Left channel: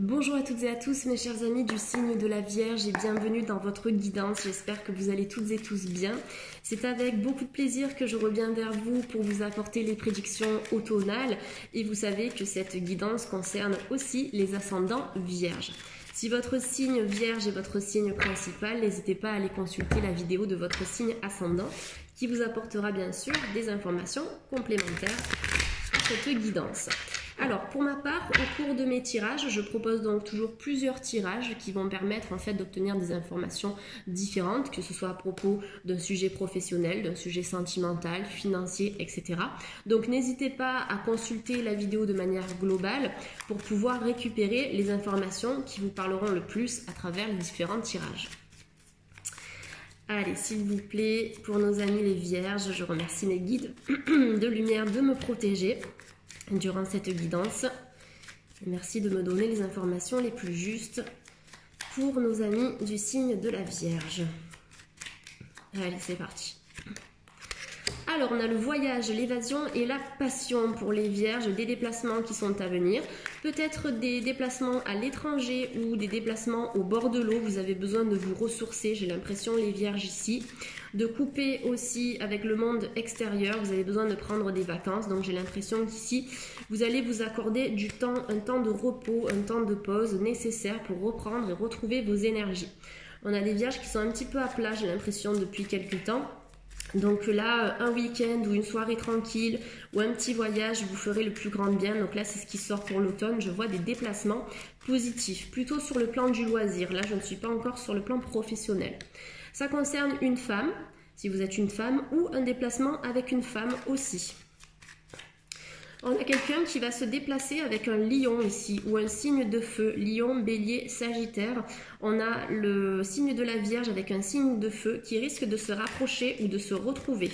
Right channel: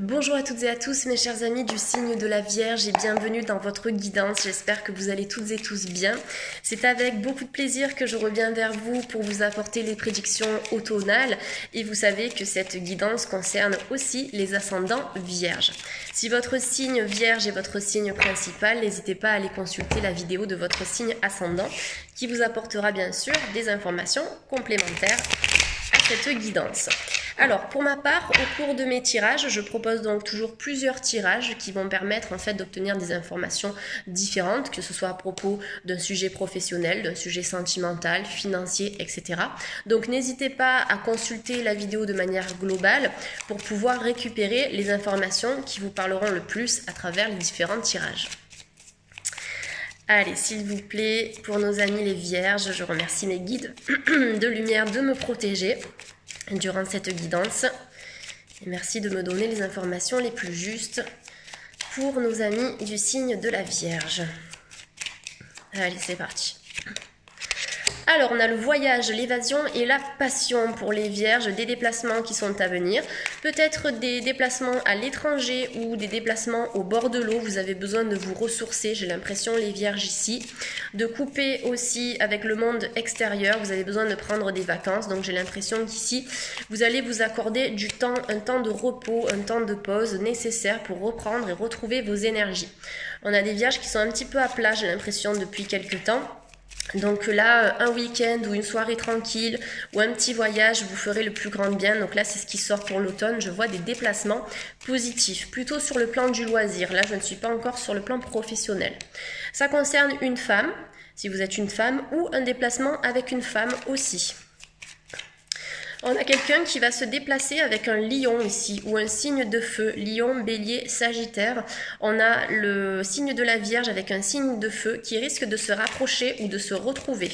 Bonjour à toutes et à tous mes chers amis du signe de la Vierge et bienvenue dans votre guidance. J'espère que vous allez toutes et tous bien. C'est avec beaucoup de plaisir que je reviens vers vous pour vous apporter les prédictions automnales et vous savez que cette guidance concerne aussi les ascendants Vierges. Si votre signe Vierge est votre signe principal, n'hésitez pas à aller consulter la vidéo de votre signe ascendant qui vous apportera bien sûr des informations complémentaires à cette guidance. Alors pour ma part, au cours de mes tirages, je propose donc toujours plusieurs tirages qui vont permettre en fait d'obtenir des informations différentes, que ce soit à propos d'un sujet professionnel, d'un sujet sentimental, financier, etc. Donc n'hésitez pas à consulter la vidéo de manière globale pour pouvoir récupérer les informations qui vous parleront le plus à travers les différents tirages. Allez, s'il vous plaît, pour nos amis les Vierges, je remercie mes guides de lumière de me protéger durant cette guidance. Et merci de me donner les informations les plus justes pour nos amis du signe de la Vierge. Allez, c'est parti. Alors, on a le voyage, l'évasion et la passion pour les Vierges, des déplacements qui sont à venir. Peut-être des déplacements à l'étranger ou des déplacements au bord de l'eau. Vous avez besoin de vous ressourcer, j'ai l'impression, les Vierges ici. De couper aussi avec le monde extérieur. Vous avez besoin de prendre des vacances. Donc, j'ai l'impression qu'ici, vous allez vous accorder du temps, un temps de repos, un temps de pause nécessaire pour reprendre et retrouver vos énergies. On a des Vierges qui sont un petit peu à plat, j'ai l'impression, depuis quelques temps. Donc là, un week-end ou une soirée tranquille ou un petit voyage vous ferez le plus grand bien. Donc là, c'est ce qui sort pour l'automne. Je vois des déplacements positifs, plutôt sur le plan du loisir. Là, je ne suis pas encore sur le plan professionnel. Ça concerne une femme, si vous êtes une femme, ou un déplacement avec une femme aussi. On a quelqu'un qui va se déplacer avec un lion ici, ou un signe de feu, lion, bélier, sagittaire. On a le signe de la Vierge avec un signe de feu qui risque de se rapprocher ou de se retrouver.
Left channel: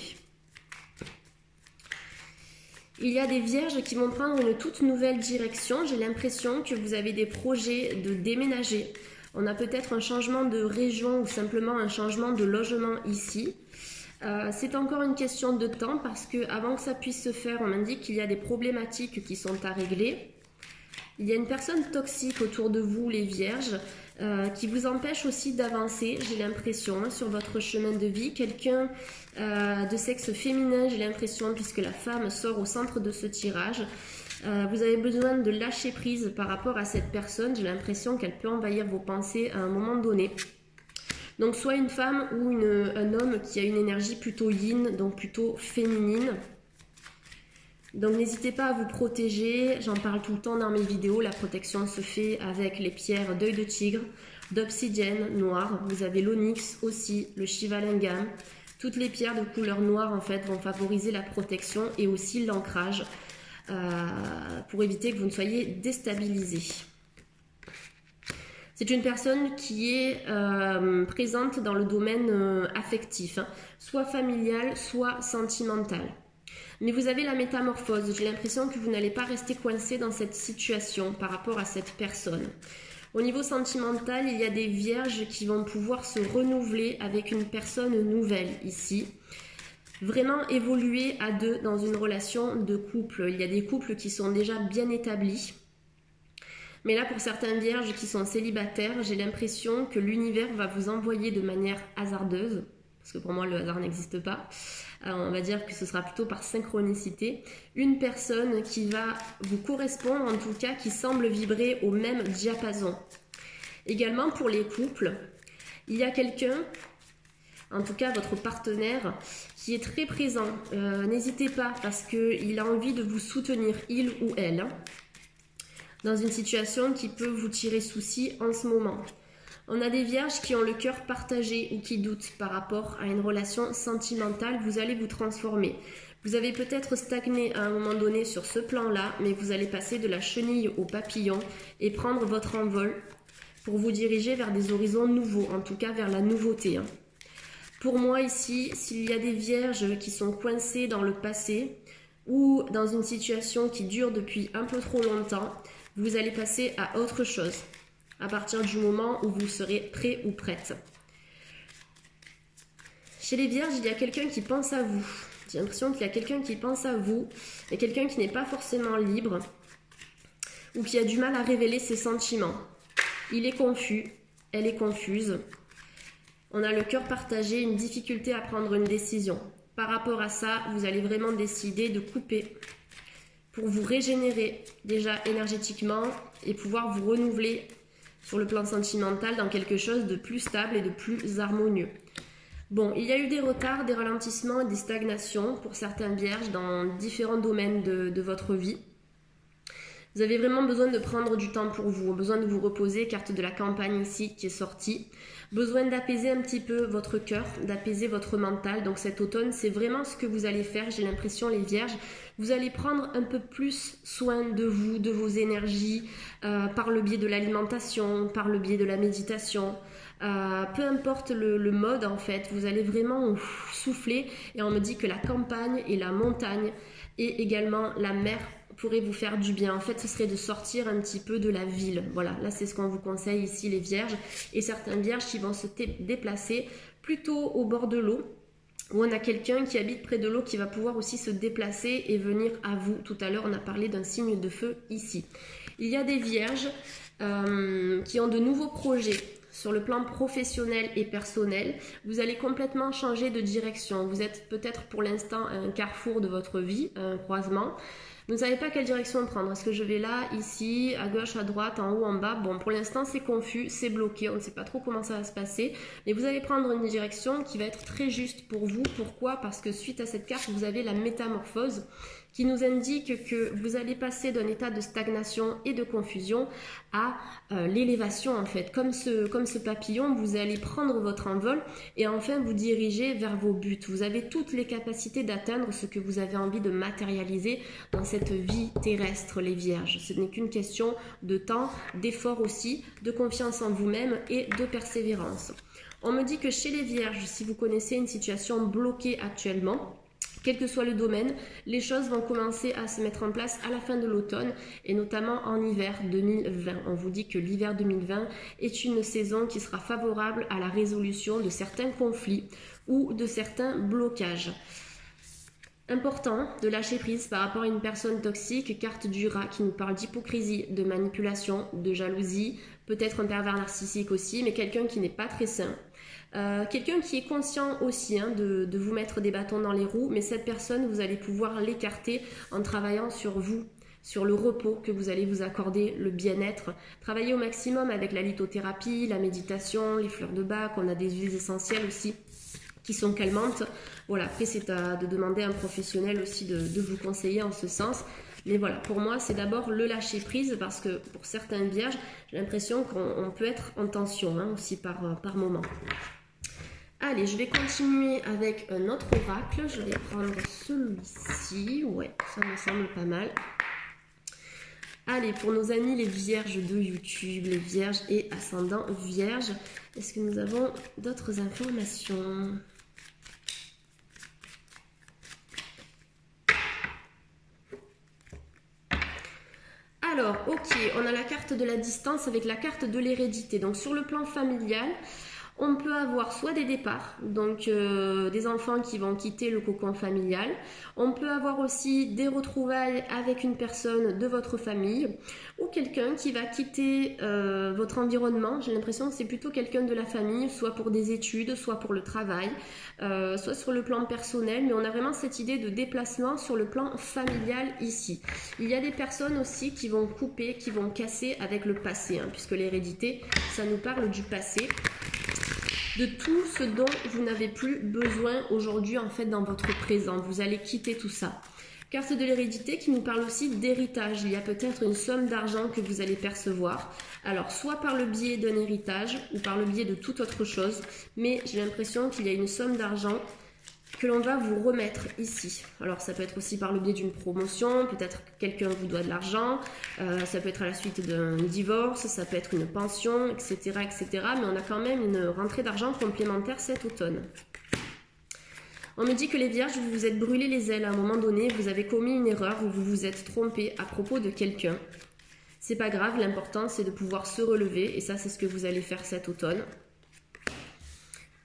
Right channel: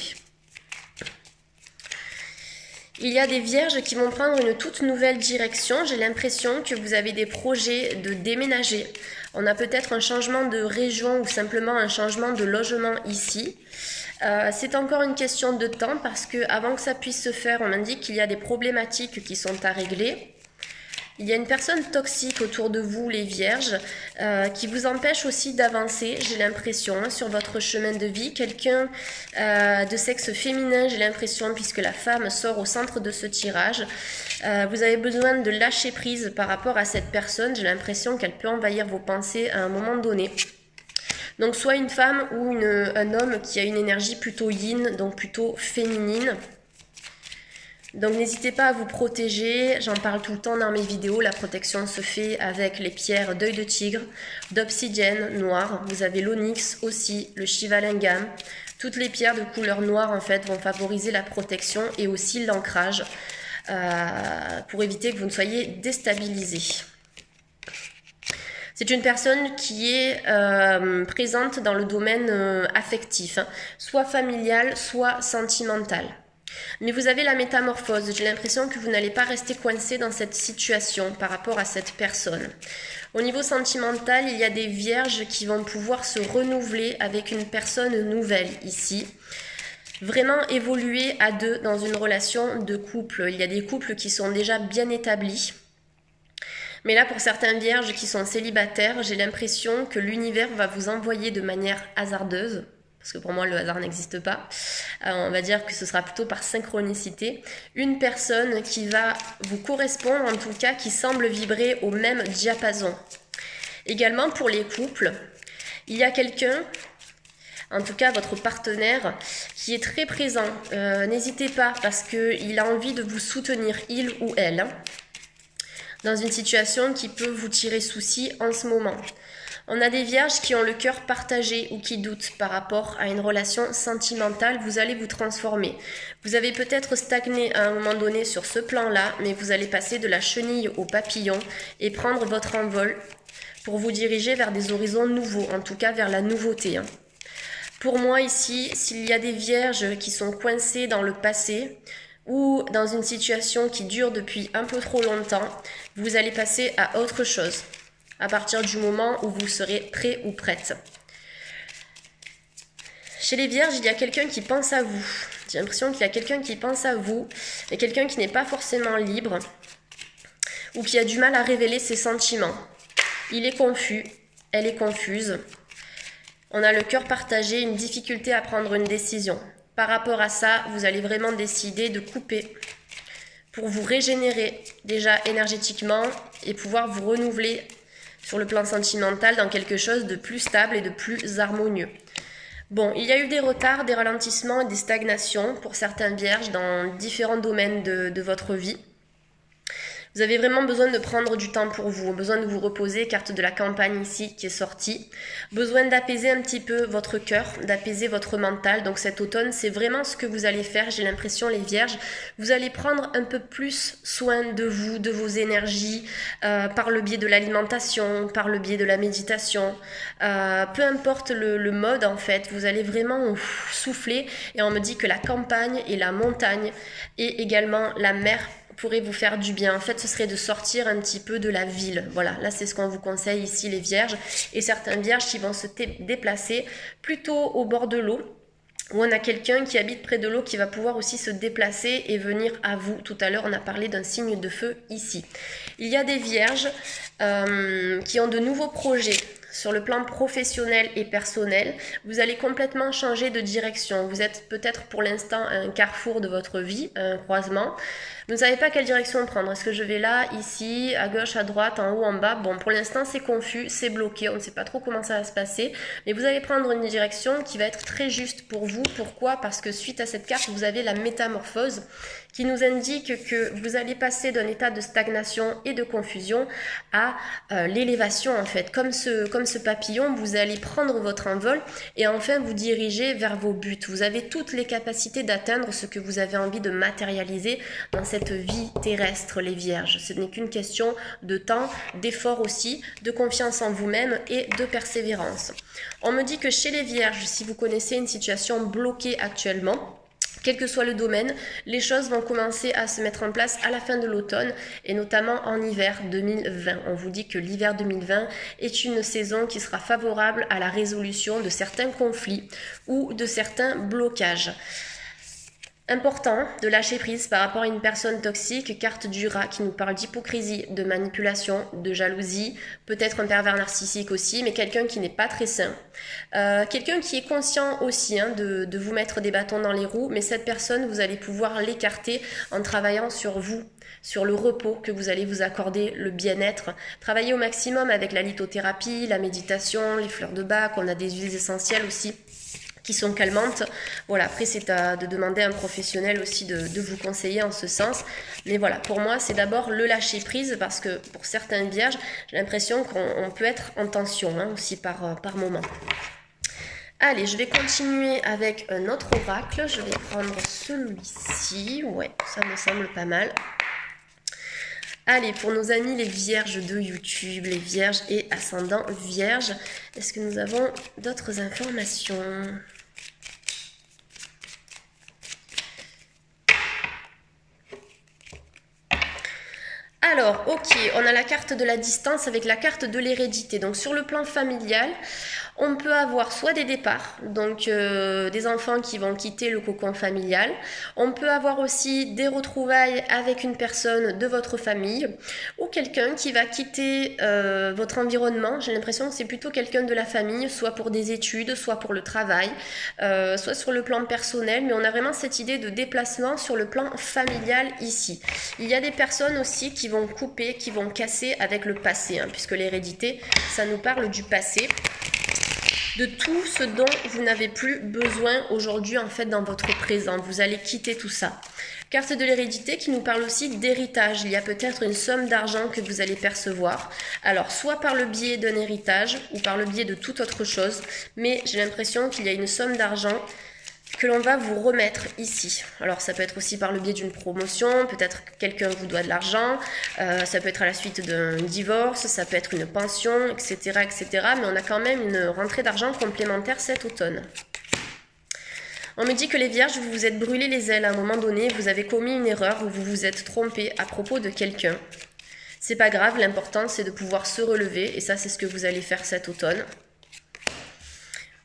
Il y a des Vierges qui vont prendre une toute nouvelle direction. J'ai l'impression que vous avez des projets de déménager. On a peut-être un changement de région ou simplement un changement de logement ici. C'est encore une question de temps parce que avant que ça puisse se faire, on m'indique qu'il y a des problématiques qui sont à régler. Il y a une personne toxique autour de vous, les Vierges, qui vous empêche aussi d'avancer, j'ai l'impression, sur votre chemin de vie. Quelqu'un de sexe féminin, j'ai l'impression, puisque la femme sort au centre de ce tirage. Vous avez besoin de lâcher prise par rapport à cette personne. J'ai l'impression qu'elle peut envahir vos pensées à un moment donné. Donc soit une femme ou un homme qui a une énergie plutôt yin, donc plutôt féminine. Donc n'hésitez pas à vous protéger, j'en parle tout le temps dans mes vidéos, la protection se fait avec les pierres d'œil de tigre, d'obsidienne noire, vous avez l'onyx aussi, le shivalingam. Toutes les pierres de couleur noire en fait vont favoriser la protection et aussi l'ancrage pour éviter que vous ne soyez déstabilisés. C'est une personne qui est présente dans le domaine affectif, hein, soit familial, soit sentimental. Mais vous avez la métamorphose. J'ai l'impression que vous n'allez pas rester coincé dans cette situation par rapport à cette personne. Au niveau sentimental, il y a des Vierges qui vont pouvoir se renouveler avec une personne nouvelle ici. Vraiment évoluer à deux dans une relation de couple. Il y a des couples qui sont déjà bien établis. Mais là, pour certains Vierges qui sont célibataires, j'ai l'impression que l'univers va vous envoyer de manière hasardeuse, parce que pour moi, le hasard n'existe pas. On va dire que ce sera plutôt par synchronicité. Une personne qui va vous correspondre, en tout cas, qui semble vibrer au même diapason. Également, pour les couples, il y a quelqu'un, en tout cas votre partenaire, qui est très présent. N'hésitez pas, parce qu'il a envie de vous soutenir, il ou elle, hein, dans une situation qui peut vous tirer souci en ce moment. On a des Vierges qui ont le cœur partagé ou qui doutent par rapport à une relation sentimentale. Vous allez vous transformer. Vous avez peut-être stagné à un moment donné sur ce plan-là, mais vous allez passer de la chenille au papillon et prendre votre envol pour vous diriger vers des horizons nouveaux, en tout cas vers la nouveauté, hein. Pour moi ici, s'il y a des Vierges qui sont coincées dans le passé, ou dans une situation qui dure depuis un peu trop longtemps, vous allez passer à autre chose à partir du moment où vous serez prêt ou prête. Chez les Vierges, il y a quelqu'un qui pense à vous. J'ai l'impression qu'il y a quelqu'un qui pense à vous et quelqu'un qui n'est pas forcément libre. ou qui a du mal à révéler ses sentiments. Il est confus, elle est confuse. On a le cœur partagé, une difficulté à prendre une décision. Par rapport à ça, vous allez vraiment décider de couper pour vous régénérer déjà énergétiquement et pouvoir vous renouveler sur le plan sentimental dans quelque chose de plus stable et de plus harmonieux. Bon, il y a eu des retards, des ralentissements et des stagnations pour certains vierges dans différents domaines de votre vie. Vous avez vraiment besoin de prendre du temps pour vous, besoin de vous reposer, carte de la campagne ici qui est sortie. Besoin d'apaiser un petit peu votre cœur, d'apaiser votre mental. Donc cet automne, c'est vraiment ce que vous allez faire, j'ai l'impression les vierges. Vous allez prendre un peu plus soin de vous, de vos énergies, par le biais de l'alimentation, par le biais de la méditation. Peu importe le mode en fait, vous allez vraiment souffler. Et on me dit que la campagne et la montagne et également la mer pourrait vous faire du bien. En fait, ce serait de sortir un petit peu de la ville. Voilà, là, c'est ce qu'on vous conseille ici, les vierges. Et certains vierges qui vont se déplacer plutôt au bord de l'eau, où on a quelqu'un qui habite près de l'eau qui va pouvoir aussi se déplacer et venir à vous. Tout à l'heure, on a parlé d'un signe de feu ici. Il y a des vierges qui ont de nouveaux projets. Sur le plan professionnel et personnel, vous allez complètement changer de direction. Vous êtes peut-être pour l'instant à un carrefour de votre vie, un croisement. Vous ne savez pas quelle direction prendre. Est-ce que je vais là, ici, à gauche, à droite, en haut, en bas? Bon, pour l'instant, c'est confus, c'est bloqué. On ne sait pas trop comment ça va se passer. Mais vous allez prendre une direction qui va être très juste pour vous. Pourquoi? Parce que suite à cette carte, vous avez la métamorphose qui nous indique que vous allez passer d'un état de stagnation et de confusion à l'élévation en fait. Comme ce papillon, vous allez prendre votre envol et enfin vous diriger vers vos buts. Vous avez toutes les capacités d'atteindre ce que vous avez envie de matérialiser dans cette vie terrestre, les vierges. Ce n'est qu'une question de temps, d'effort aussi, de confiance en vous-même et de persévérance. On me dit que chez les vierges, si vous connaissez une situation bloquée actuellement, quel que soit le domaine, les choses vont commencer à se mettre en place à la fin de l'automne et notamment en hiver 2020. On vous dit que l'hiver 2020 est une saison qui sera favorable à la résolution de certains conflits ou de certains blocages. Important de lâcher prise par rapport à une personne toxique, carte du rat qui nous parle d'hypocrisie, de manipulation, de jalousie, peut-être un pervers narcissique aussi, mais quelqu'un qui n'est pas très sain. Quelqu'un qui est conscient aussi de vous mettre des bâtons dans les roues, mais cette personne, vous allez pouvoir l'écarter en travaillant sur vous, sur le repos que vous allez vous accorder, le bien-être. Travailler au maximum avec la lithothérapie, la méditation, les fleurs de bac, on a des huiles essentielles aussi qui sont calmantes. Voilà, après c'est de demander à un professionnel aussi de vous conseiller en ce sens. Mais voilà, pour moi c'est d'abord le lâcher prise parce que pour certaines vierges, j'ai l'impression qu'on peut être en tension aussi par moment. Allez, je vais continuer avec un autre oracle. Je vais prendre celui-ci. Ouais, ça me semble pas mal. Allez, pour nos amis les vierges de YouTube, les vierges et ascendants vierges, est-ce que nous avons d'autres informations ? Alors, ok, on a la carte de la distance avec la carte de l'hérédité. Donc, sur le plan familial, on peut avoir soit des départs, donc des enfants qui vont quitter le cocon familial. On peut avoir aussi des retrouvailles avec une personne de votre famille ou quelqu'un qui va quitter votre environnement. J'ai l'impression que c'est plutôt quelqu'un de la famille, soit pour des études, soit pour le travail, soit sur le plan personnel. Mais on a vraiment cette idée de déplacement sur le plan familial ici. Il y a des personnes aussi qui vont couper, qui vont casser avec le passé, puisque l'hérédité, ça nous parle du passé, de tout ce dont vous n'avez plus besoin aujourd'hui en fait dans votre présent. Vous allez quitter tout ça. Carte de l'hérédité qui nous parle aussi d'héritage. Il y a peut-être une somme d'argent que vous allez percevoir. Alors soit par le biais d'un héritage ou par le biais de toute autre chose. Mais j'ai l'impression qu'il y a une somme d'argent que l'on va vous remettre ici. Alors ça peut être aussi par le biais d'une promotion, peut-être que quelqu'un vous doit de l'argent, ça peut être à la suite d'un divorce, ça peut être une pension, etc., etc. Mais on a quand même une rentrée d'argent complémentaire cet automne. On me dit que les vierges, vous vous êtes brûlé les ailes à un moment donné, vous avez commis une erreur ou vous vous êtes trompé à propos de quelqu'un. C'est pas grave, l'important c'est de pouvoir se relever et ça c'est ce que vous allez faire cet automne.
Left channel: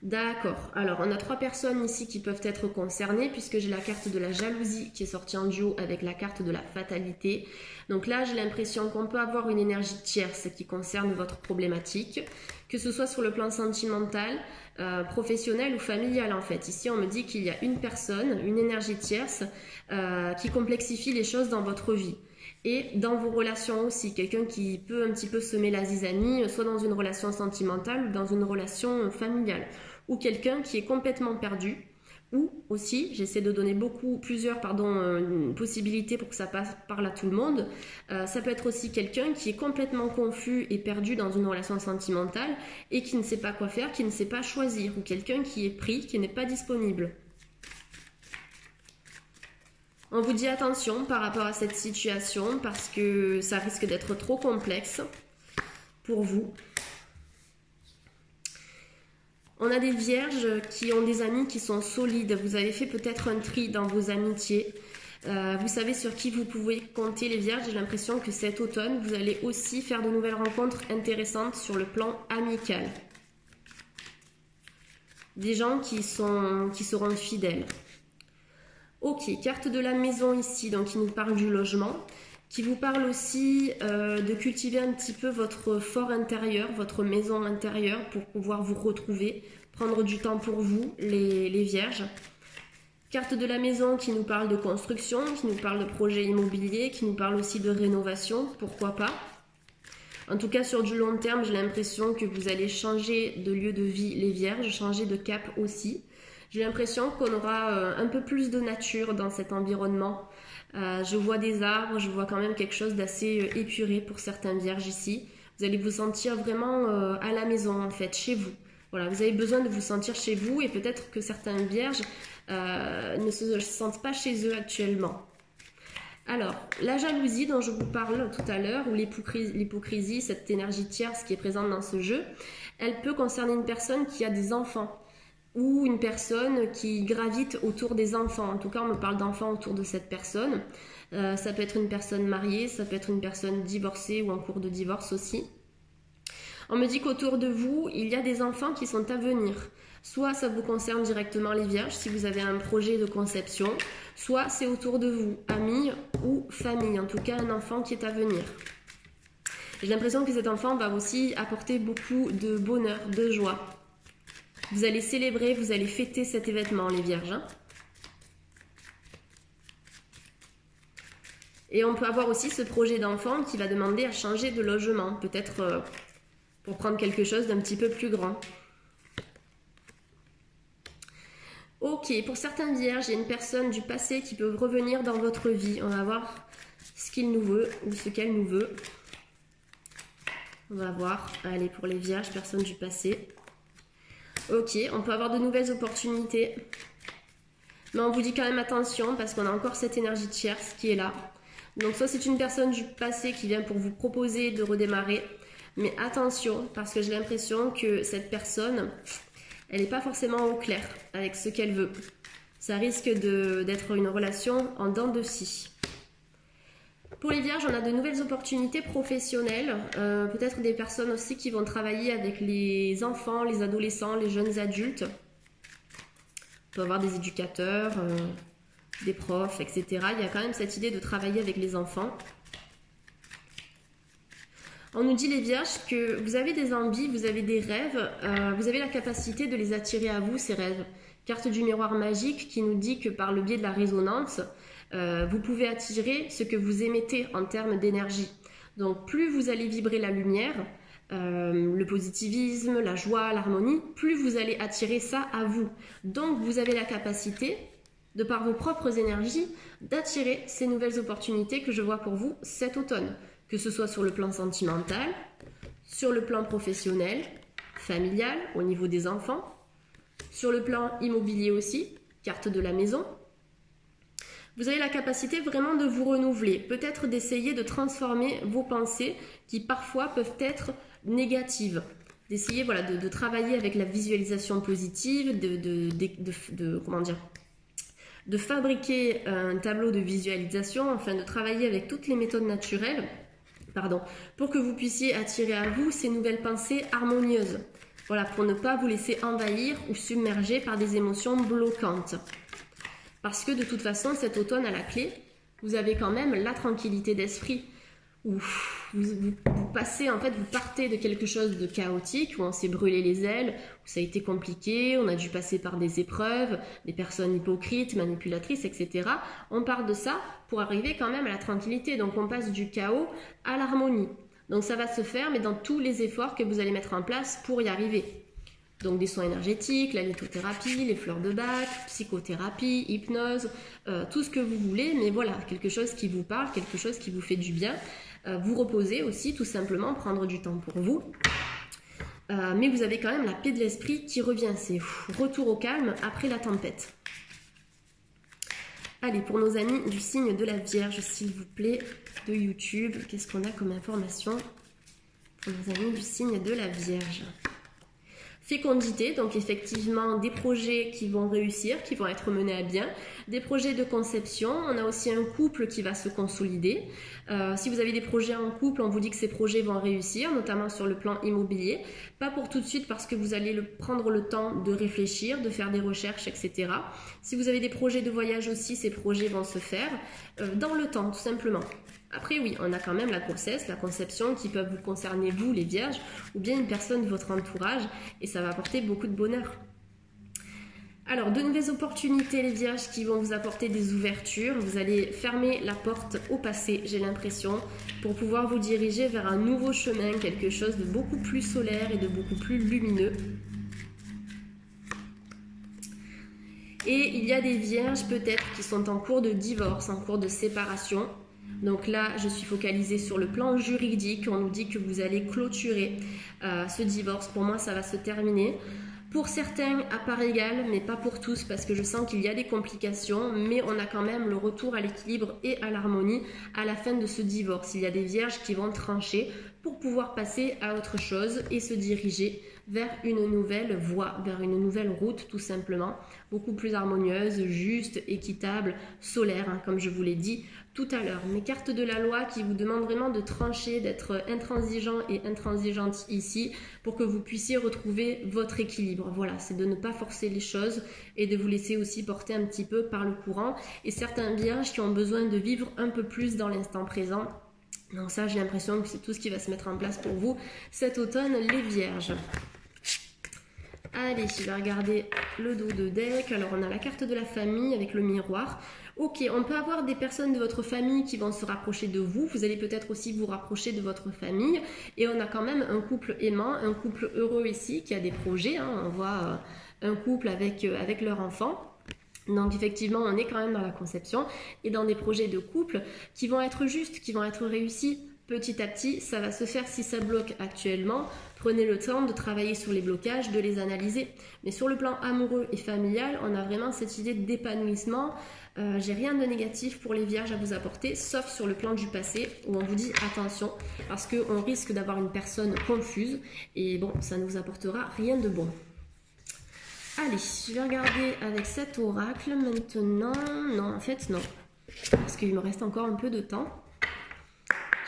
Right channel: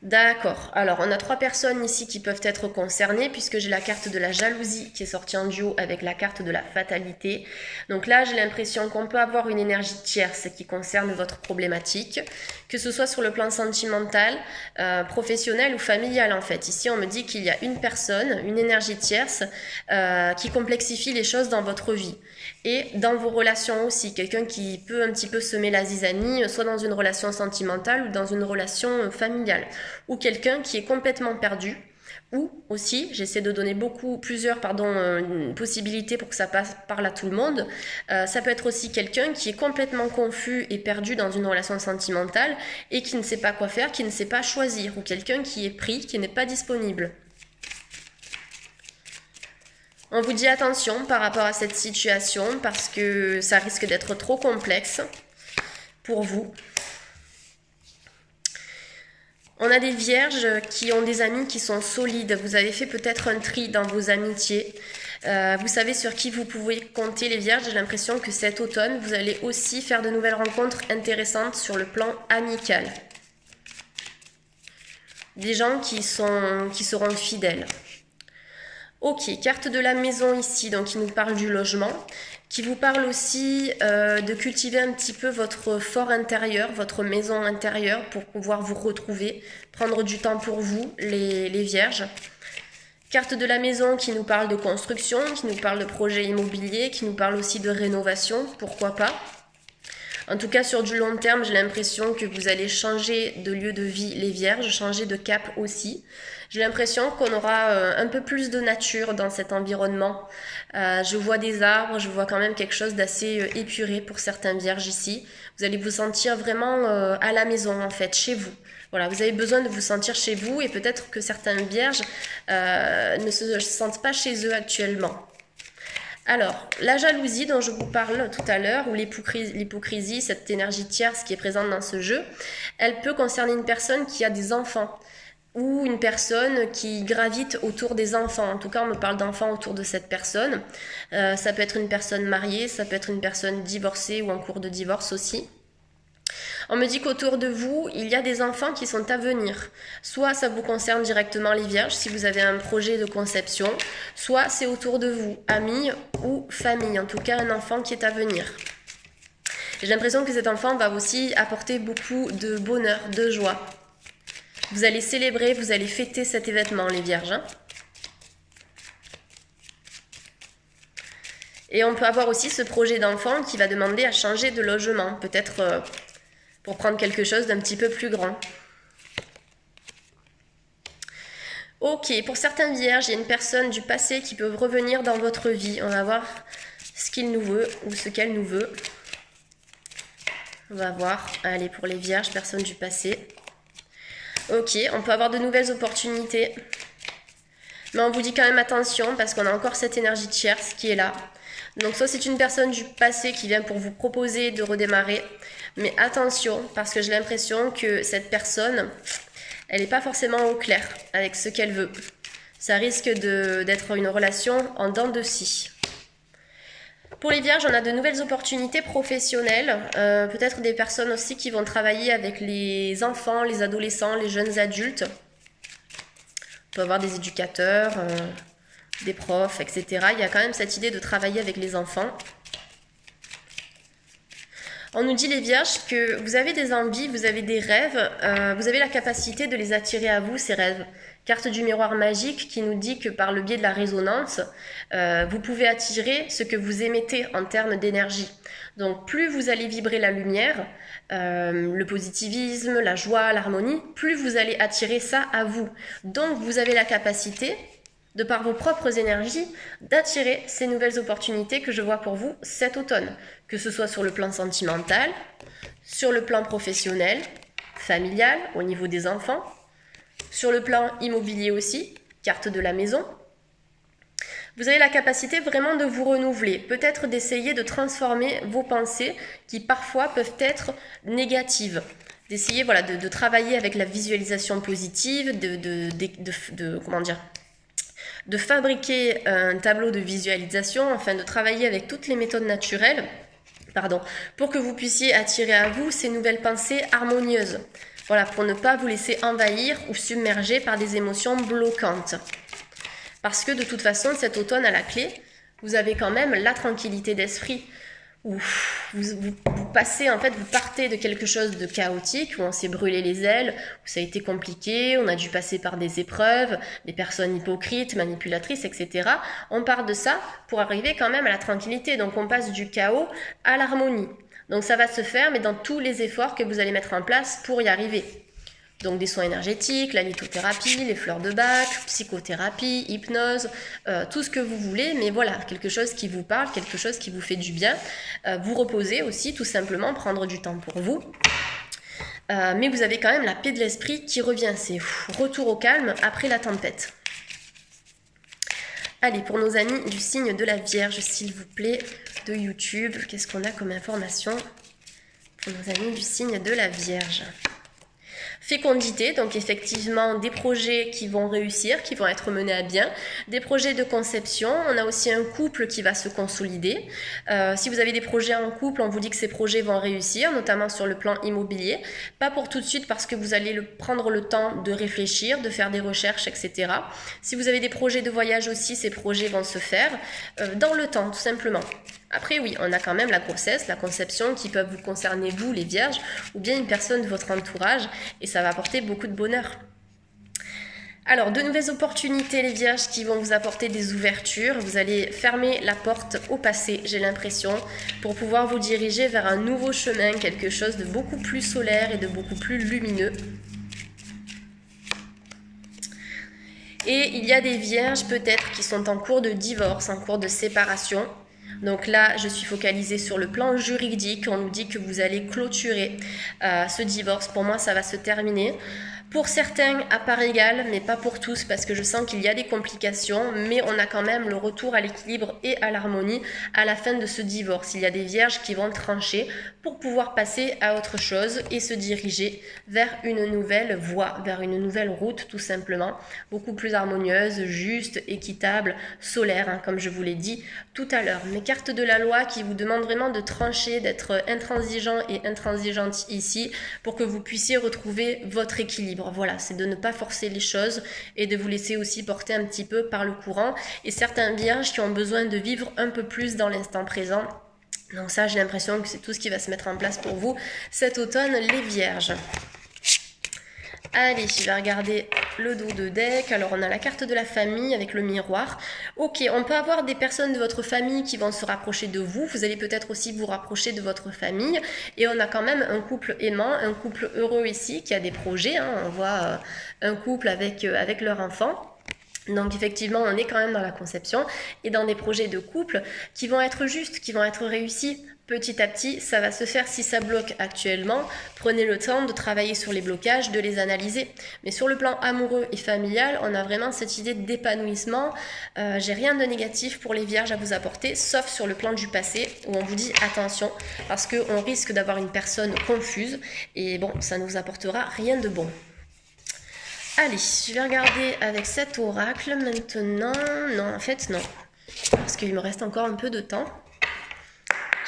D'accord. Alors, on a 3 personnes ici qui peuvent être concernées puisque j'ai la carte de la jalousie qui est sortie en duo avec la carte de la fatalité. Donc là, j'ai l'impression qu'on peut avoir une énergie tierce qui concerne votre problématique, que ce soit sur le plan sentimental, professionnel ou familial en fait. Ici, on me dit qu'il y a une personne, une énergie tierce qui complexifie les choses dans votre vie. Et dans vos relations aussi, quelqu'un qui peut un petit peu semer la zizanie, soit dans une relation sentimentale ou dans une relation familiale. Ou quelqu'un qui est complètement perdu. Ou aussi, j'essaie de donner plusieurs possibilités pour que ça parle à tout le monde. Ça peut être aussi quelqu'un qui est complètement confus et perdu dans une relation sentimentale et qui ne sait pas quoi faire, qui ne sait pas choisir. Ou quelqu'un qui est pris, qui n'est pas disponible. On vous dit attention par rapport à cette situation parce que ça risque d'être trop complexe pour vous. On a des vierges qui ont des amis qui sont solides. Vous avez fait peut-être un tri dans vos amitiés. Vous savez sur qui vous pouvez compter les vierges. J'ai l'impression que cet automne, vous allez aussi faire de nouvelles rencontres intéressantes sur le plan amical. Des gens qui seront fidèles. Ok, carte de la maison ici, donc qui nous parle du logement, qui vous parle aussi de cultiver un petit peu votre fort intérieur, votre maison intérieure pour pouvoir vous retrouver, prendre du temps pour vous, les vierges. Carte de la maison qui nous parle de construction, qui nous parle de projet immobilier, qui nous parle aussi de rénovation, pourquoi pas. En tout cas, sur du long terme, j'ai l'impression que vous allez changer de lieu de vie, les vierges, changer de cap aussi. J'ai l'impression qu'on aura un peu plus de nature dans cet environnement. Je vois des arbres, je vois quand même quelque chose d'assez épuré pour certains vierges ici. Vous allez vous sentir vraiment à la maison en fait, chez vous. Voilà, vous avez besoin de vous sentir chez vous et peut-être que certains vierges ne se sentent pas chez eux actuellement. Alors, la jalousie dont je vous parle tout à l'heure, ou l'hypocrisie, cette énergie tierce qui est présente dans ce jeu, elle peut concerner une personne qui a des enfants ou une personne qui gravite autour des enfants. En tout cas, on me parle d'enfants autour de cette personne. Ça peut être une personne mariée, ça peut être une personne divorcée ou en cours de divorce aussi. On me dit qu'autour de vous, il y a des enfants qui sont à venir. Soit ça vous concerne directement les vierges, si vous avez un projet de conception, soit c'est autour de vous, amis ou famille, en tout cas un enfant qui est à venir. J'ai l'impression que cet enfant va aussi apporter beaucoup de bonheur, de joie. Vous allez célébrer, vous allez fêter cet événement, les vierges. Hein. Et on peut avoir aussi ce projet d'enfant qui va demander à changer de logement, peut-être pour prendre quelque chose d'un petit peu plus grand. Ok, pour certains vierges, il y a une personne du passé qui peut revenir dans votre vie. On va voir ce qu'il nous veut ou ce qu'elle nous veut. On va voir, allez, pour les vierges, personne du passé. Ok, on peut avoir de nouvelles opportunités. Mais on vous dit quand même attention parce qu'on a encore cette énergie tierce qui est là. Donc soit c'est une personne du passé qui vient pour vous proposer de redémarrer. Mais attention, parce que j'ai l'impression que cette personne, elle n'est pas forcément au clair avec ce qu'elle veut. Ça risque d'être une relation en dents de scie. Pour les vierges, on a de nouvelles opportunités professionnelles. Peut-être des personnes aussi qui vont travailler avec les enfants, les adolescents, les jeunes adultes. On peut avoir des éducateurs, des profs, etc. Il y a quand même cette idée de travailler avec les enfants. On nous dit les vierges que vous avez des envies, vous avez des rêves, vous avez la capacité de les attirer à vous, ces rêves. Carte du miroir magique qui nous dit que par le biais de la résonance, vous pouvez attirer ce que vous émettez en termes d'énergie. Donc plus vous allez vibrer la lumière, le positivisme, la joie, l'harmonie, plus vous allez attirer ça à vous. Donc vous avez la capacité, de par vos propres énergies, d'attirer ces nouvelles opportunités que je vois pour vous cet automne. Que ce soit sur le plan sentimental, sur le plan professionnel, familial, au niveau des enfants, sur le plan immobilier aussi, carte de la maison. Vous avez la capacité vraiment de vous renouveler, peut-être d'essayer de transformer vos pensées qui parfois peuvent être négatives. D'essayer voilà, de travailler avec la visualisation positive, de fabriquer un tableau de visualisation, afin de travailler avec toutes les méthodes naturelles, pour que vous puissiez attirer à vous ces nouvelles pensées harmonieuses. Voilà, pour ne pas vous laisser envahir ou submerger par des émotions bloquantes. Parce que de toute façon, cet automne à la clé, vous avez quand même la tranquillité d'esprit. Où vous passez, en fait, vous partez de quelque chose de chaotique, où on s'est brûlé les ailes, où ça a été compliqué, on a dû passer par des épreuves, des personnes hypocrites, manipulatrices, etc. On part de ça pour arriver quand même à la tranquillité. Donc on passe du chaos à l'harmonie. Donc ça va se faire, mais dans tous les efforts que vous allez mettre en place pour y arriver. Donc des soins énergétiques, la lithothérapie, les fleurs de Bach, psychothérapie, hypnose, tout ce que vous voulez, mais voilà, quelque chose qui vous parle, quelque chose qui vous fait du bien. Vous reposez aussi, tout simplement, prendre du temps pour vous. Mais vous avez quand même la paix de l'esprit qui revient, c'est retour au calme après la tempête. Allez, pour nos amis du signe de la Vierge, s'il vous plaît, de YouTube, qu'est-ce qu'on a comme information pour nos amis du signe de la Vierge? Fécondité, donc effectivement des projets qui vont réussir, qui vont être menés à bien, des projets de conception, on a aussi un couple qui va se consolider. Si vous avez des projets en couple, on vous dit que ces projets vont réussir, notamment sur le plan immobilier. Pas pour tout de suite parce que vous allez prendre le temps de réfléchir, de faire des recherches, etc. Si vous avez des projets de voyage aussi, ces projets vont se faire dans le temps, tout simplement. Après, oui, on a quand même la grossesse, la conception qui peuvent vous concerner, vous, les vierges, ou bien une personne de votre entourage, et ça va apporter beaucoup de bonheur. Alors, de nouvelles opportunités, les vierges, qui vont vous apporter des ouvertures. Vous allez fermer la porte au passé, j'ai l'impression, pour pouvoir vous diriger vers un nouveau chemin, quelque chose de beaucoup plus solaire et de beaucoup plus lumineux. Et il y a des vierges, peut-être, qui sont en cours de divorce, en cours de séparation. Donc là, je suis focalisée sur le plan juridique. On nous dit que vous allez clôturer ce divorce. Pour moi, ça va se terminer. Pour certains, à part égale, mais pas pour tous, parce que je sens qu'il y a des complications, mais on a quand même le retour à l'équilibre et à l'harmonie à la fin de ce divorce. Il y a des vierges qui vont trancher pour pouvoir passer à autre chose et se diriger vers une nouvelle voie, vers une nouvelle route, tout simplement, beaucoup plus harmonieuse, juste, équitable, solaire, hein, comme je vous l'ai dit tout à l'heure. Mes cartes de la loi qui vous demandent vraiment de trancher, d'être intransigeant et intransigeante ici, pour que vous puissiez retrouver votre équilibre. Voilà, c'est de ne pas forcer les choses et de vous laisser aussi porter un petit peu par le courant. Et certains vierges qui ont besoin de vivre un peu plus dans l'instant présent. Donc ça, j'ai l'impression que c'est tout ce qui va se mettre en place pour vous cet automne, les vierges. Allez, je vais regarder le dos de deck. Alors, on a la carte de la famille avec le miroir. Ok, on peut avoir des personnes de votre famille qui vont se rapprocher de vous. Vous allez peut-être aussi vous rapprocher de votre famille. Et on a quand même un couple aimant, un couple heureux ici qui a des projets. Hein. On voit un couple avec leur enfant. Donc effectivement, on est quand même dans la conception et dans des projets de couple qui vont être justes, qui vont être réussis. Petit à petit, ça va se faire. Si ça bloque actuellement, prenez le temps de travailler sur les blocages, de les analyser. Mais sur le plan amoureux et familial, on a vraiment cette idée d'épanouissement. J'ai rien de négatif pour les vierges à vous apporter, sauf sur le plan du passé, où on vous dit attention, parce qu'on risque d'avoir une personne confuse. Et bon, ça ne vous apportera rien de bon. Allez, je vais regarder avec cet oracle maintenant. Non, en fait, non. Parce qu'il me reste encore un peu de temps.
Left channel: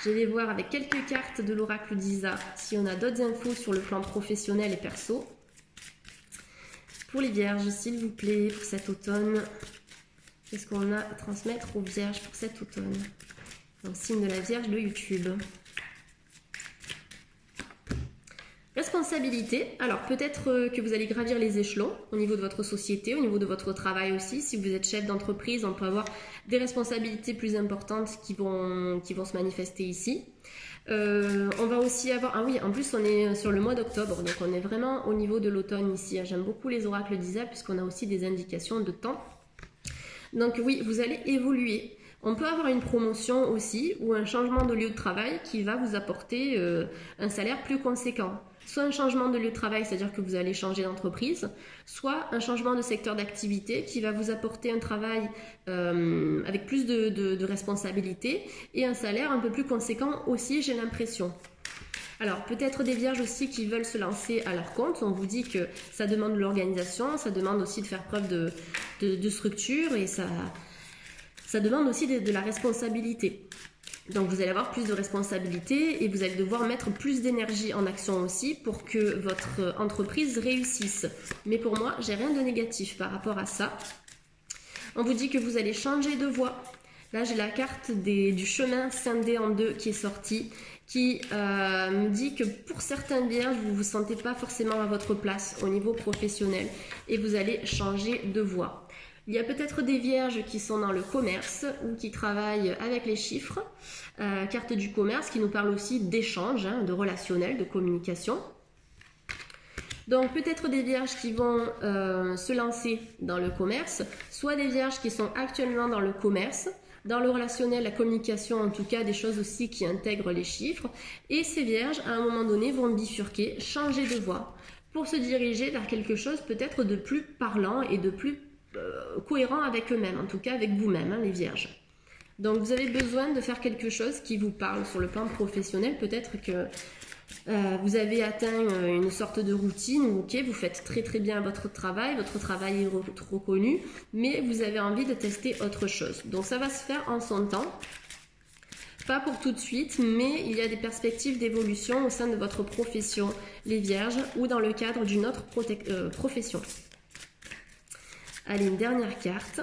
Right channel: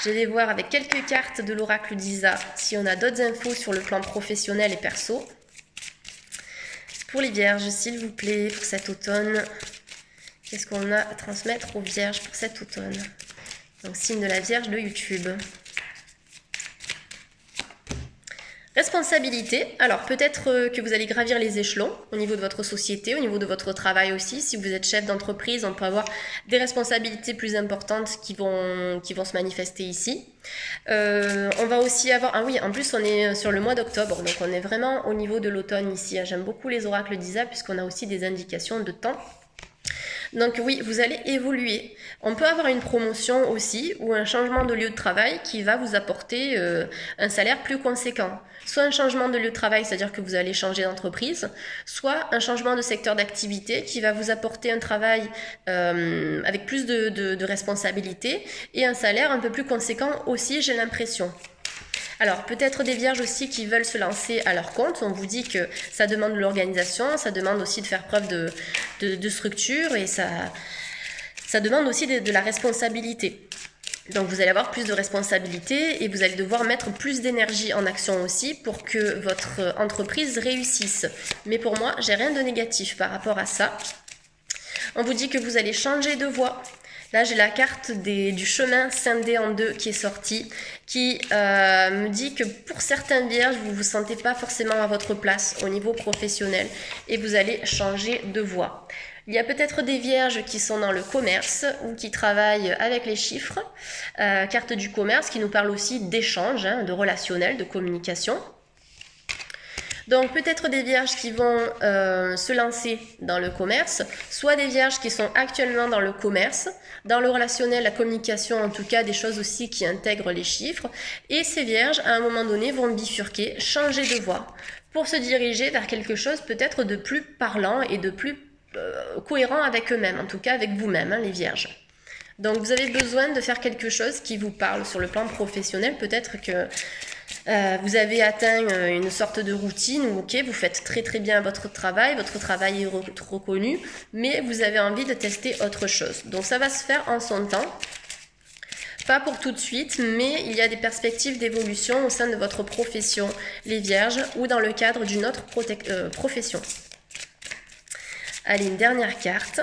Je vais voir avec quelques cartes de l'oracle d'Isa si on a d'autres infos sur le plan professionnel et perso. Pour les vierges, s'il vous plaît, pour cet automne, qu'est-ce qu'on a à transmettre aux vierges pour cet automne? Donc, signe de la Vierge de YouTube. Responsabilité, alors peut-être que vous allez gravir les échelons au niveau de votre société, au niveau de votre travail aussi. Si vous êtes chef d'entreprise, on peut avoir des responsabilités plus importantes qui vont se manifester ici. On va aussi avoir, ah oui, en plus on est sur le mois d'octobre, donc on est vraiment au niveau de l'automne ici. J'aime beaucoup les oracles d'Isa puisqu'on a aussi des indications de temps. Donc oui, vous allez évoluer. On peut avoir une promotion aussi ou un changement de lieu de travail qui va vous apporter un salaire plus conséquent. Soit un changement de lieu de travail, c'est-à-dire que vous allez changer d'entreprise, soit un changement de secteur d'activité qui va vous apporter un travail avec plus de responsabilités et un salaire un peu plus conséquent aussi, j'ai l'impression. Alors, peut-être des vierges aussi qui veulent se lancer à leur compte. On vous dit que ça demande de l'organisation, ça demande aussi de faire preuve de structure et ça demande aussi de la responsabilité. Donc vous allez avoir plus de responsabilités et vous allez devoir mettre plus d'énergie en action aussi pour que votre entreprise réussisse. Mais pour moi, j'ai rien de négatif par rapport à ça. On vous dit que vous allez changer de voie. Là, j'ai la carte du chemin scindé en deux qui est sortie, qui me dit que pour certaines vierges, vous ne vous sentez pas forcément à votre place au niveau professionnel et vous allez changer de voie. Il y a peut-être des vierges qui sont dans le commerce ou qui travaillent avec les chiffres. Carte du commerce qui nous parle aussi d'échange, hein, de relationnel, de communication. Donc peut-être des vierges qui vont se lancer dans le commerce, soit des vierges qui sont actuellement dans le commerce, dans le relationnel, la communication, en tout cas des choses aussi qui intègrent les chiffres. Et ces vierges, à un moment donné, vont bifurquer, changer de voie pour se diriger vers quelque chose peut-être de plus parlant et de plus cohérent avec eux-mêmes, en tout cas avec vous-même, hein, les vierges. Donc vous avez besoin de faire quelque chose qui vous parle sur le plan professionnel. Peut-être que vous avez atteint une sorte de routine où ok, vous faites très très bien votre travail est reconnu, mais vous avez envie de tester autre chose. Donc ça va se faire en son temps. Pas pour tout de suite, mais il y a des perspectives d'évolution au sein de votre profession, les vierges, ou dans le cadre d'une autre profession. Allez, une dernière carte.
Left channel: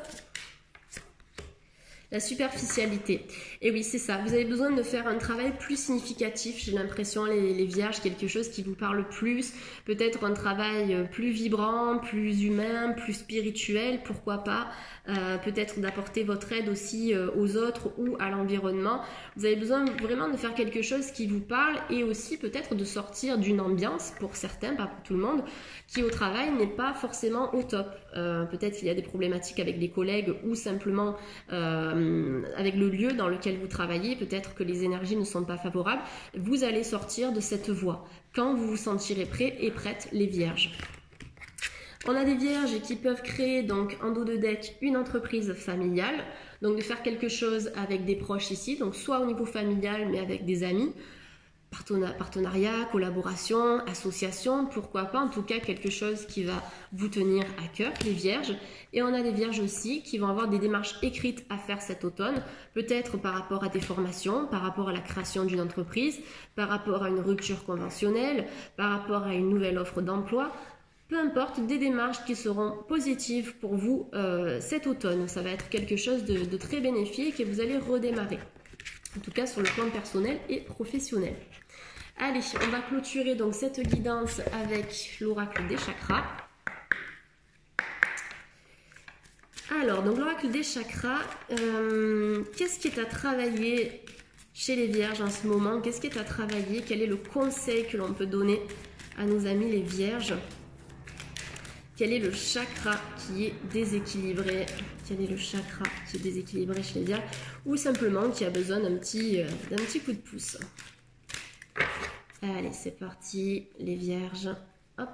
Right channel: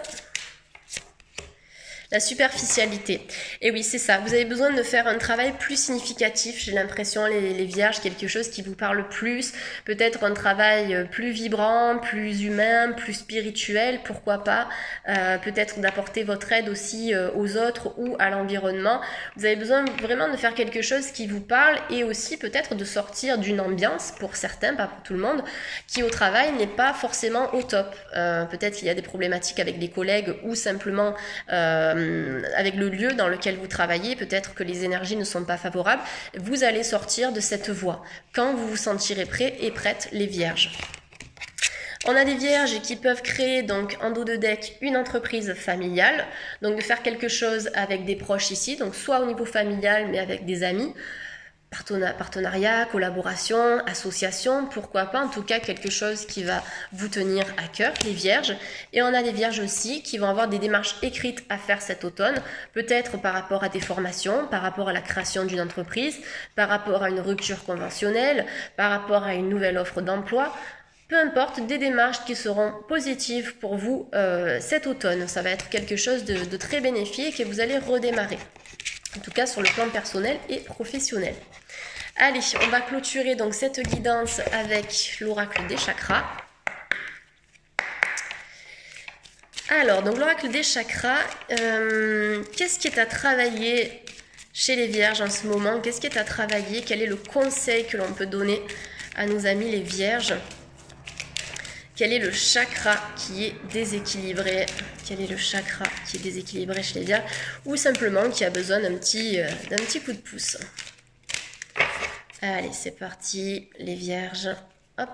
La superficialité. Et oui, c'est ça. Vous avez besoin de faire un travail plus significatif. J'ai l'impression, les vierges, quelque chose qui vous parle plus. Peut-être un travail plus vibrant, plus humain, plus spirituel. Pourquoi pas. Peut-être d'apporter votre aide aussi aux autres ou à l'environnement. Vous avez besoin vraiment de faire quelque chose qui vous parle et aussi peut-être de sortir d'une ambiance, pour certains, pas pour tout le monde, qui au travail n'est pas forcément au top. Peut-être qu'il y a des problématiques avec les collègues ou simplement avec le lieu dans lequel vous travaillez, peut-être que les énergies ne sont pas favorables, vous allez sortir de cette voie quand vous vous sentirez prêt et prête, les vierges. On a des vierges qui peuvent créer donc en dos de deck une entreprise familiale, donc de faire quelque chose avec des proches ici, donc soit au niveau familial mais avec des amis, partenariat, collaboration, association, pourquoi pas, en tout cas quelque chose qui va vous tenir à cœur, les vierges. Et on a des vierges aussi qui vont avoir des démarches écrites à faire cet automne, peut-être par rapport à des formations, par rapport à la création d'une entreprise, par rapport à une rupture conventionnelle, par rapport à une nouvelle offre d'emploi. Peu importe, des démarches qui seront positives pour vous cet automne. Ça va être quelque chose de très bénéfique et vous allez redémarrer. En tout cas sur le plan personnel et professionnel. Allez, on va clôturer donc cette guidance avec l'oracle des chakras. Alors, donc l'oracle des chakras, qu'est-ce qui est à travailler chez les vierges en ce moment? Qu'est-ce qui est à travailler? Quel est le conseil que l'on peut donner à nos amis les vierges? Quel est le chakra qui est déséquilibré? Quel est le chakra qui est déséquilibré chez les vierges? Ou simplement qui a besoin d'un petit coup de pouce. Allez, c'est parti, les vierges. Hop.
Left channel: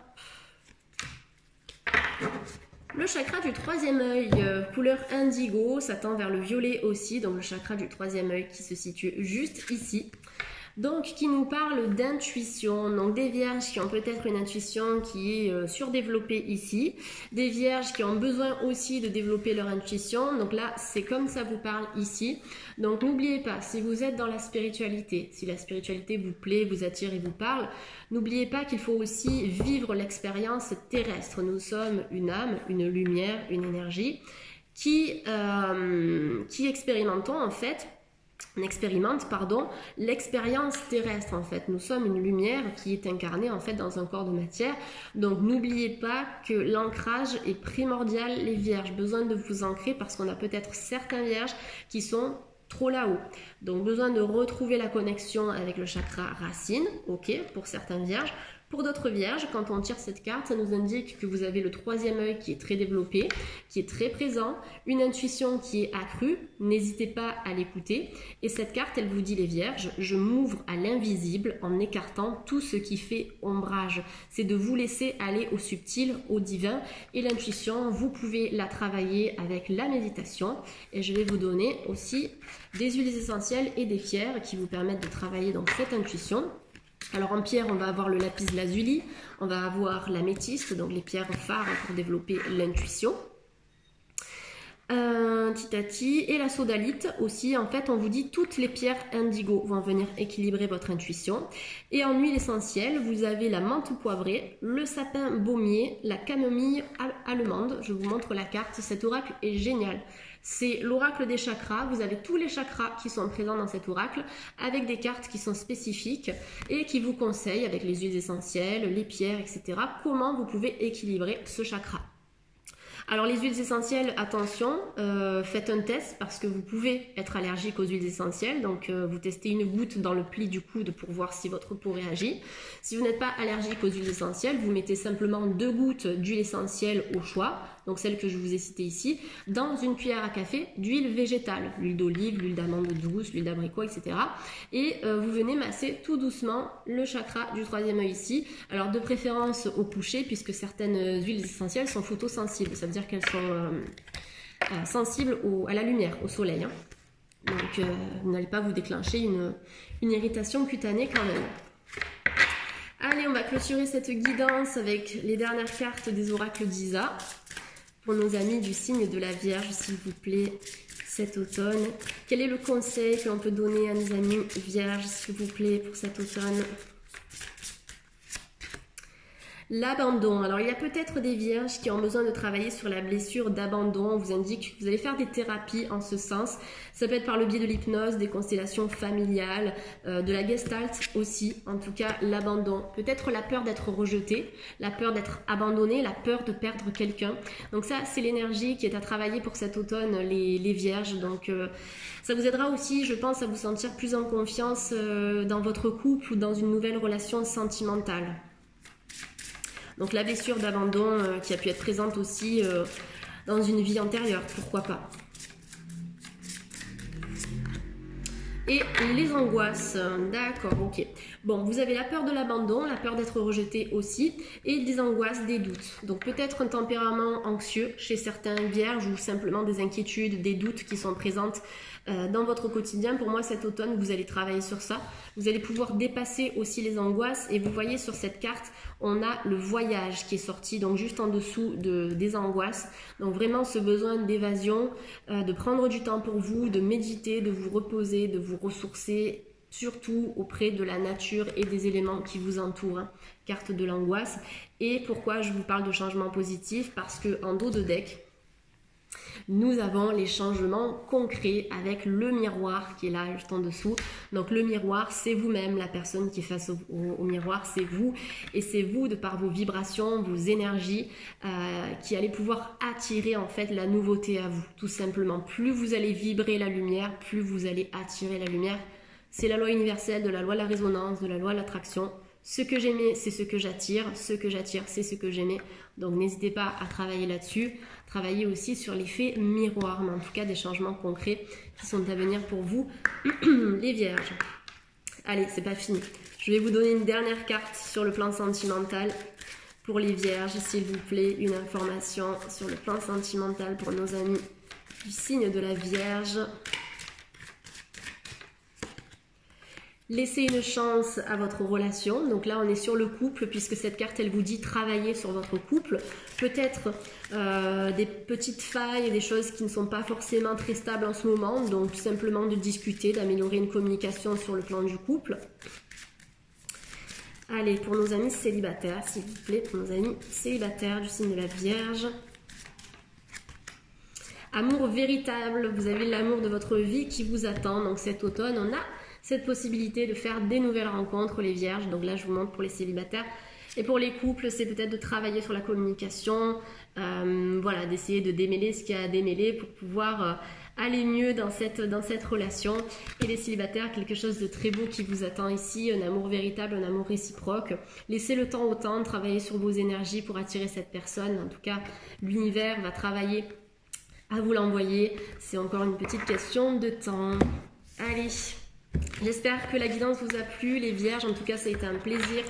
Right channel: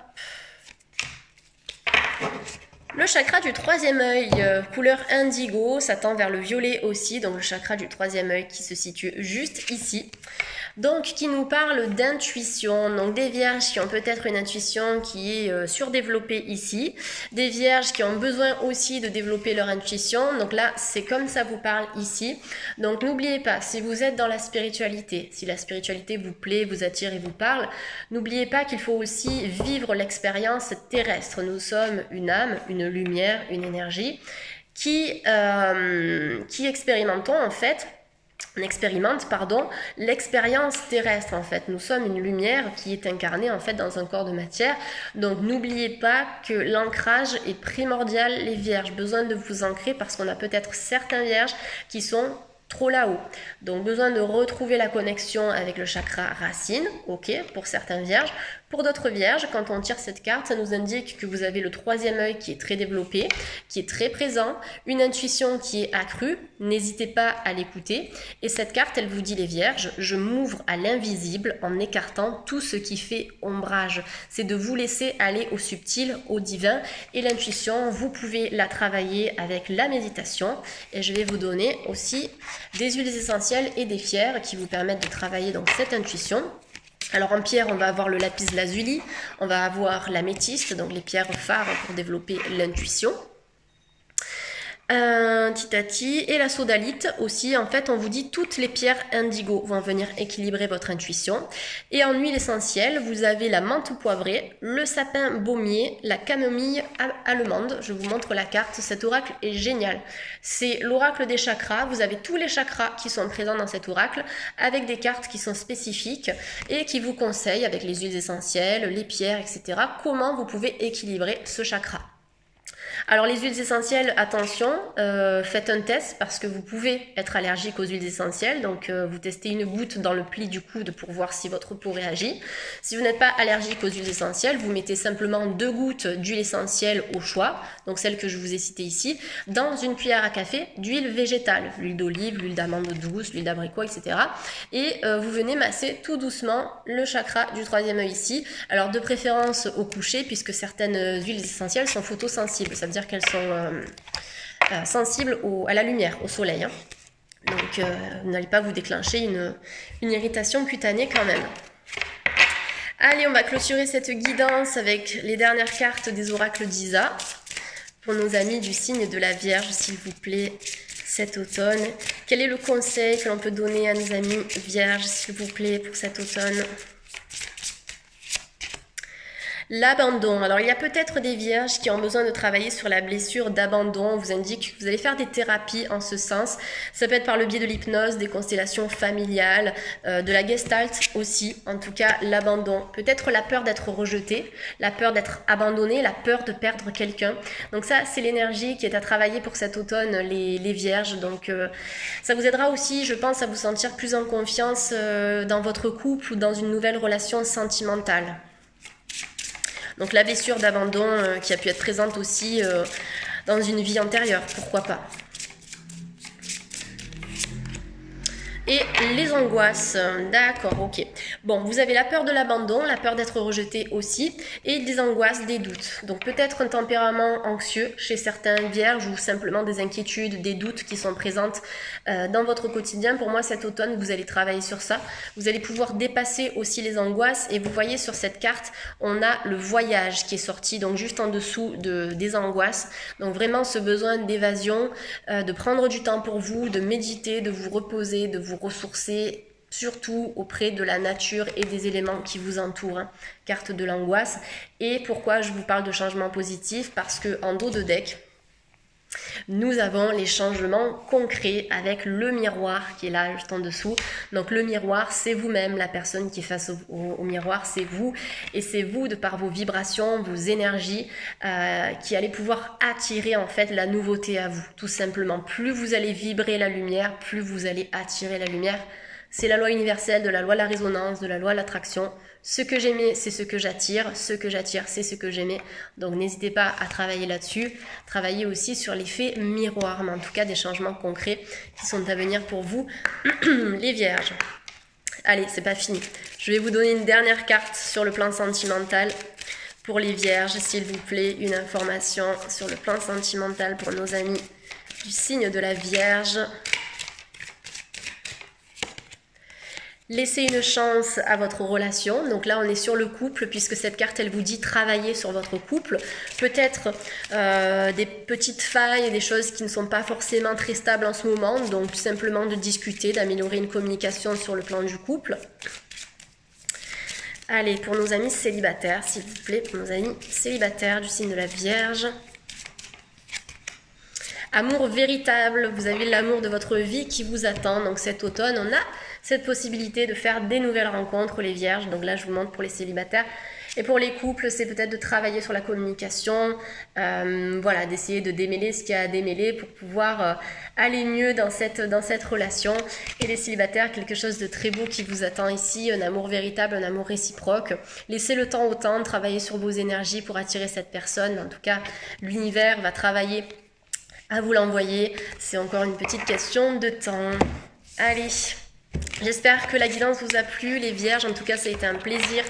Le chakra du troisième œil, couleur indigo, ça tend vers le violet aussi. Donc le chakra du troisième œil qui se situe juste ici. Donc, qui nous parle d'intuition, donc des vierges qui ont peut-être une intuition qui est surdéveloppée ici, des vierges qui ont besoin aussi de développer leur intuition, donc là, c'est comme ça vous parle ici. Donc, n'oubliez pas, si vous êtes dans la spiritualité, si la spiritualité vous plaît, vous attire et vous parle, n'oubliez pas qu'il faut aussi vivre l'expérience terrestre. Nous sommes une âme, une lumière, une énergie qui expérimentons en fait. On expérimente, l'expérience terrestre en fait. Nous sommes une lumière qui est incarnée en fait dans un corps de matière. Donc n'oubliez pas que l'ancrage est primordial, les vierges. Besoin de vous ancrer parce qu'on a peut-être certains vierges qui sont trop là-haut. Donc besoin de retrouver la connexion avec le chakra racine, ok, pour certains vierges. Pour d'autres vierges, quand on tire cette carte, ça nous indique que vous avez le troisième œil qui est très développé, qui est très présent, une intuition qui est accrue, n'hésitez pas à l'écouter. Et cette carte, elle vous dit les vierges, je m'ouvre à l'invisible en écartant tout ce qui fait ombrage. C'est de vous laisser aller au subtil, au divin. Et l'intuition, vous pouvez la travailler avec la méditation. Et je vais vous donner aussi des huiles essentielles et des pierres qui vous permettent de travailler donc cette intuition. Alors en pierre, on va avoir le lapis lazuli, on va avoir l'améthyste, donc les pierres phares pour développer l'intuition. Titati et la sodalite aussi. En fait, on vous dit toutes les pierres indigo vont venir équilibrer votre intuition. Et en huile essentielle, vous avez la menthe poivrée, le sapin baumier, la camomille allemande. Je vous montre la carte. Cet oracle est génial. C'est l'oracle des chakras. Vous avez tous les chakras qui sont présents dans cet oracle avec des cartes qui sont spécifiques et qui vous conseillent avec les huiles essentielles, les pierres, etc. comment vous pouvez équilibrer ce chakra. Alors les huiles essentielles, attention, faites un test parce que vous pouvez être allergique aux huiles essentielles. Donc vous testez une goutte dans le pli du coude pour voir si votre peau réagit. Si vous n'êtes pas allergique aux huiles essentielles, vous mettez simplement 2 gouttes d'huile essentielle au choix, donc celle que je vous ai citée ici, dans une cuillère à café d'huile végétale, l'huile d'olive, l'huile d'amande douce, l'huile d'abricot, etc. Et vous venez masser tout doucement le chakra du 3e œil ici. Alors de préférence au coucher puisque certaines huiles essentielles sont photosensibles. Ça veut dire qu'elles sont sensibles à la lumière, au soleil. Hein. Donc, vous n'allez pas vous déclencher une irritation cutanée quand même. Allez, on va clôturer cette guidance avec les dernières cartes des oracles d'Isa. Pour nos amis du signe de la Vierge, s'il vous plaît, cet automne. Quel est le conseil que l'on peut donner à nos amis Vierges, s'il vous plaît, pour cet automne ? L'abandon. Alors, il y a peut-être des vierges qui ont besoin de travailler sur la blessure d'abandon. On vous indique que vous allez faire des thérapies en ce sens. Ça peut être par le biais de l'hypnose, des constellations familiales, de la gestalt aussi. En tout cas, l'abandon. Peut-être la peur d'être rejeté, la peur d'être abandonné, la peur de perdre quelqu'un. Donc ça, c'est l'énergie qui est à travailler pour cet automne, les vierges. Donc, ça vous aidera aussi, je pense, à vous sentir plus en confiance dans votre couple ou dans une nouvelle relation sentimentale. Donc la blessure d'abandon qui a pu être présente aussi dans une vie antérieure, pourquoi pas. Et les angoisses, d'accord, ok. Bon, vous avez la peur de l'abandon, la peur d'être rejeté aussi, et des angoisses, des doutes. Donc peut-être un tempérament anxieux chez certains vierges ou simplement des inquiétudes, des doutes qui sont présentes dans votre quotidien. Pour moi, cet automne, vous allez travailler sur ça. Vous allez pouvoir dépasser aussi les angoisses. Et vous voyez sur cette carte, on a le voyage qui est sorti, donc juste en dessous des angoisses. Donc vraiment ce besoin d'évasion, de prendre du temps pour vous, de méditer, de vous reposer, de vous ressourcer, surtout auprès de la nature et des éléments qui vous entourent. Hein. Carte de l'angoisse. Et pourquoi je vous parle de changement positif? Parce que en dos de deck, nous avons les changements concrets avec le miroir qui est là juste en dessous. Donc le miroir, c'est vous-même, la personne qui est face au miroir, c'est vous. Et c'est vous, de par vos vibrations, vos énergies, qui allez pouvoir attirer en fait la nouveauté à vous. Tout simplement, plus vous allez vibrer la lumière, plus vous allez attirer la lumière. C'est la loi universelle de la loi de la résonance, de la loi de l'attraction. Ce que j'aimais, c'est ce que j'attire. Ce que j'attire, c'est ce que j'aimais. Donc n'hésitez pas à travailler là-dessus. Travaillez aussi sur l'effet miroir, mais en tout cas des changements concrets qui sont à venir pour vous, les vierges. Allez, c'est pas fini. Je vais vous donner une dernière carte sur le plan sentimental pour les vierges, s'il vous plaît. Une information sur le plan sentimental pour nos amis du signe de la Vierge. Laissez une chance à votre relation. Donc là, on est sur le couple, puisque cette carte, elle vous dit travailler sur votre couple. Peut-être des petites failles, des choses qui ne sont pas forcément très stables en ce moment. Donc, simplement de discuter, d'améliorer une communication sur le plan du couple. Allez, pour nos amis célibataires, s'il vous plaît, pour nos amis célibataires du signe de la Vierge. Amour véritable, vous avez l'amour de votre vie qui vous attend. Donc cet automne, on a cette possibilité de faire des nouvelles rencontres, les vierges. Donc là, je vous montre pour les célibataires. Et pour les couples, c'est peut-être de travailler sur la communication, voilà, d'essayer de démêler ce qu'il y a à démêler pour pouvoir aller mieux dans cette relation. Et les célibataires, quelque chose de très beau qui vous attend ici, un amour véritable, un amour réciproque. Laissez le temps au temps, travaillez sur vos énergies pour attirer cette personne. En tout cas, l'univers va travailler à vous l'envoyer. C'est encore une petite question de temps. Allez, J'espère que la guidance vous a plu, les vierges. En tout cas, ça a été un plaisir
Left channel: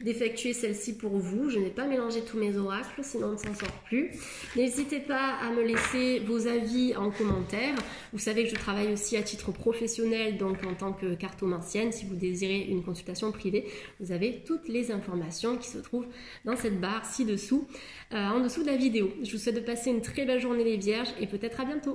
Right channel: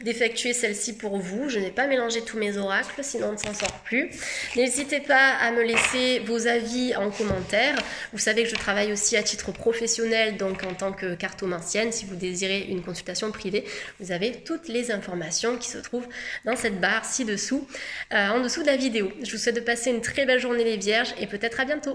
d'effectuer celle-ci pour vous. Je n'ai pas mélangé tous mes oracles, sinon on ne s'en sort plus. N'hésitez pas à me laisser vos avis en commentaire. Vous savez que je travaille aussi à titre professionnel, donc en tant que cartomancienne. Si vous désirez une consultation privée, vous avez toutes les informations qui se trouvent dans cette barre ci-dessous, en dessous de la vidéo. Je vous souhaite de passer une très belle journée les vierges et peut-être à bientôt.